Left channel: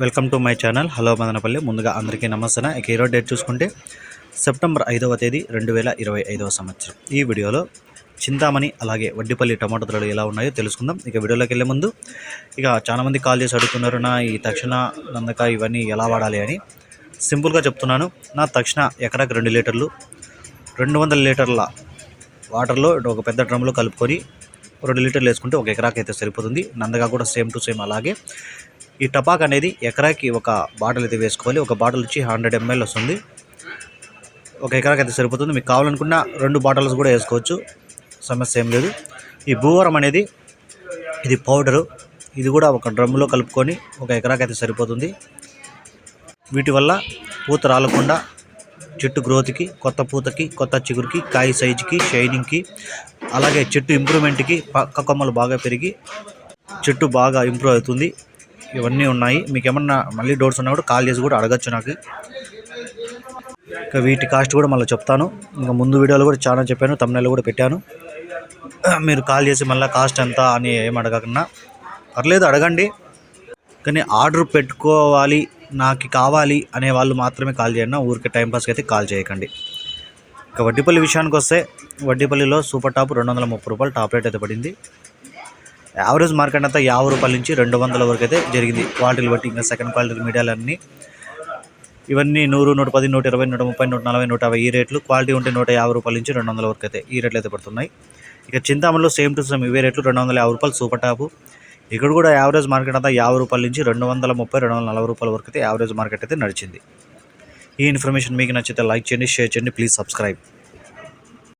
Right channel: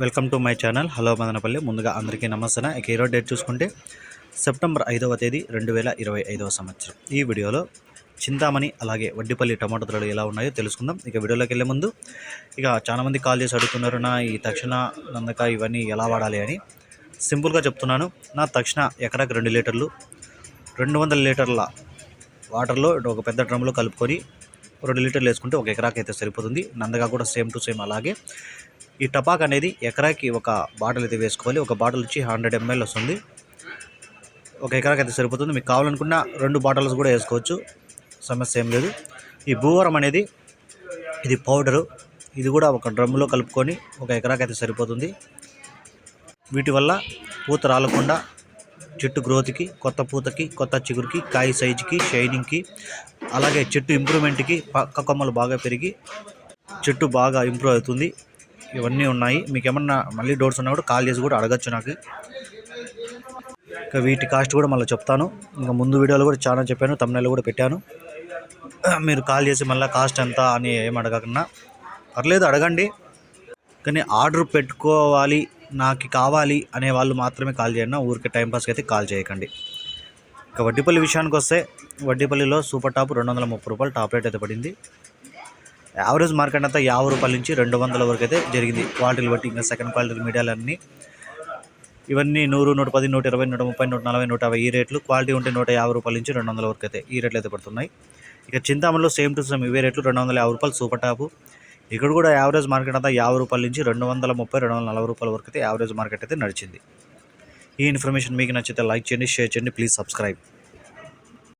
Welcome to my channel. Hello Madanapalle. ముందుగా అందరికీ నమస్తే ఇక ఈరోజు డేట్ చూసుకుంటే సెప్టెంబర్ ఐదవ తేదీ రెండు వేల ఇరవై ఐదవ సంవత్సరం. ఈ వీడియోలో చింతామణి అలాగే వడ్డిపల్లి టమాటో ధరలు ఎలా ఉన్నాయో తెలుసుకుందాం. ఇక వీడియోలోకి వెళ్ళే ముందు ఇక చాలామంది కాల్ చేసి అడుగుతున్నారు నా ఈ తక్షణ నందక ఇవన్నీ ఎలా వాడాలి? అని. సింపుల్గా చెప్తున్నాను. నా తక్షణ ఎకరాకు రెండు లీటర్లు రెండు వందల లీటర్ల వాటర్లో ఒక పెద్ద డ్రమ్లో కలుపుకొని రెండు లీటర్లు వేసుకుంటే ఒక ఎకరాకి అయితే సరిపోతుంది. నందగా కూడా సేమ్ టు సేమ్ అలాగే. ఈ టపాక్ అనేది ఎకరాకి ఒక బాటిల్ అయితే వేసుకోవాలి. ఒక బాటిల్ వచ్చి హండ్రెడ్ ఎంఎల్ వస్తుంది. ఒక ఎకరాకి అయితే సరిపోతుంది. మీకు కావాలనుకున్న రెండు బాటిల్స్ కూడా వేసుకోవచ్చు. సమస్య ఏం లేదు. ఈ భూవరం అనేది ఇది పౌడరు. ఇది కూడా ఒక డ్రమ్లో కలుపుకొని ఒక ఎకరాకి అయితే సరిపోతుంది. వీటి వల్ల పూత రాలకుండా చెట్టు గ్రోత్కి కొత్త పూతకి కొత్త చిగురికి కాయ సైజుకి షైనింగ్కి అలాగే చెట్టు ఇంప్రూవ్మెంట్కి పక్క కొమ్మలు బాగా పెరిగి చెట్టు బాగా ఇంప్రూవ్ అవుతుంది. ఇవన్నీ ఉన్నాయి. మీకు ఏమన్నా మళ్ళీ డౌట్స్ ఉన్నా కూడా కాల్ చేసి కూడా అడగచ్చు నాకు. ఇంకా వీటి కాస్ట్ కూడా మళ్ళీ చెప్తాను. ఇంకా ముందు వీడియోలో కూడా చాలా చెప్పాను తమిళలో కూడా పెట్టాను. మీరు కాల్ చేసి మళ్ళీ కాస్ట్ ఎంత అని ఏం అడగకుండా. పర్లేదు అడగండి. కానీ ఆర్డర్ పెట్టుకోవాలి నాకు కావాలి అనే వాళ్ళు మాత్రమే కాల్ చేయండి. ఊరికే టైంపాస్కి అయితే కాల్ చేయకండి. ఇక వడ్డీపల్లి విషయానికి వస్తే వడ్డీపల్లిలో సూపర్ టాప్ రెండు వందల ముప్పై రూపాయలు టాప్ రేట్ అయితే పడింది. యావరేజ్ మార్కెట్ అంతా యాభై రూపాయల నుంచి రెండు వందల వరకు అయితే జరిగింది. క్వాలిటీలు బట్టి ఇంకా సెకండ్ క్వాలిటీ మీడియాలన్నీ. ఇవన్నీ నూరు నూట పది నూట ఇరవై నూట ముప్పై నూట నలభై నూట యాభై ఈ రేట్లు. క్వాలిటీ ఉంటే నూట యాభై రూపాయల నుంచి రెండు వందల వరకు అయితే ఈ రేట్లు అయితే పడుతున్నాయి. ఇక చింతామణిలో సేమ్ టు సేమ్ ఇవే రేట్లు రెండు వందల యాభై రూపాయలు సూపర్ టాపు. ఇక్కడ కూడా యావరేజ్ మార్కెట్ అంతా యాభై రూపాయల నుంచి రెండు వందల ముప్పై రెండు వందల నలభై రూపాయల వరకు అయితే యావరేజ్ మార్కెట్ అయితే నడిచింది. ఈ ఇన్ఫర్మేషన్ మీకు నచ్చితే లైక్ చేయండి షేర్ చేయండి ప్లీజ్ సబ్స్క్రైబ్.